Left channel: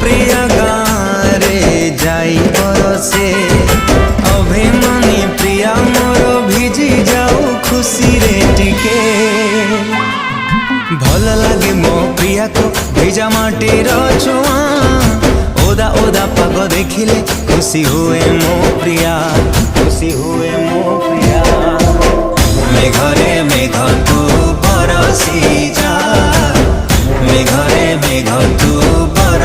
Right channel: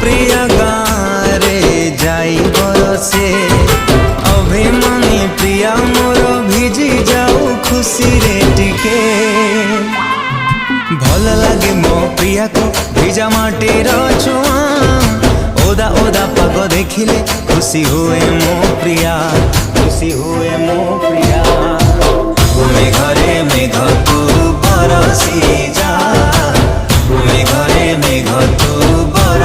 प्रिया गारे जाई बरसे अभिमानी प्रिया मोर भिजी जाऊ खुशी रे टिके भल लगे मो प्रिया को भिजा माटीर छुआ ओदा ओदा पाग देखिले खुशी हुए मो प्रिया खुशी हुए मो प्रिया मेघरे मेघ तू बरसी जा मेघरे मेघ तू बर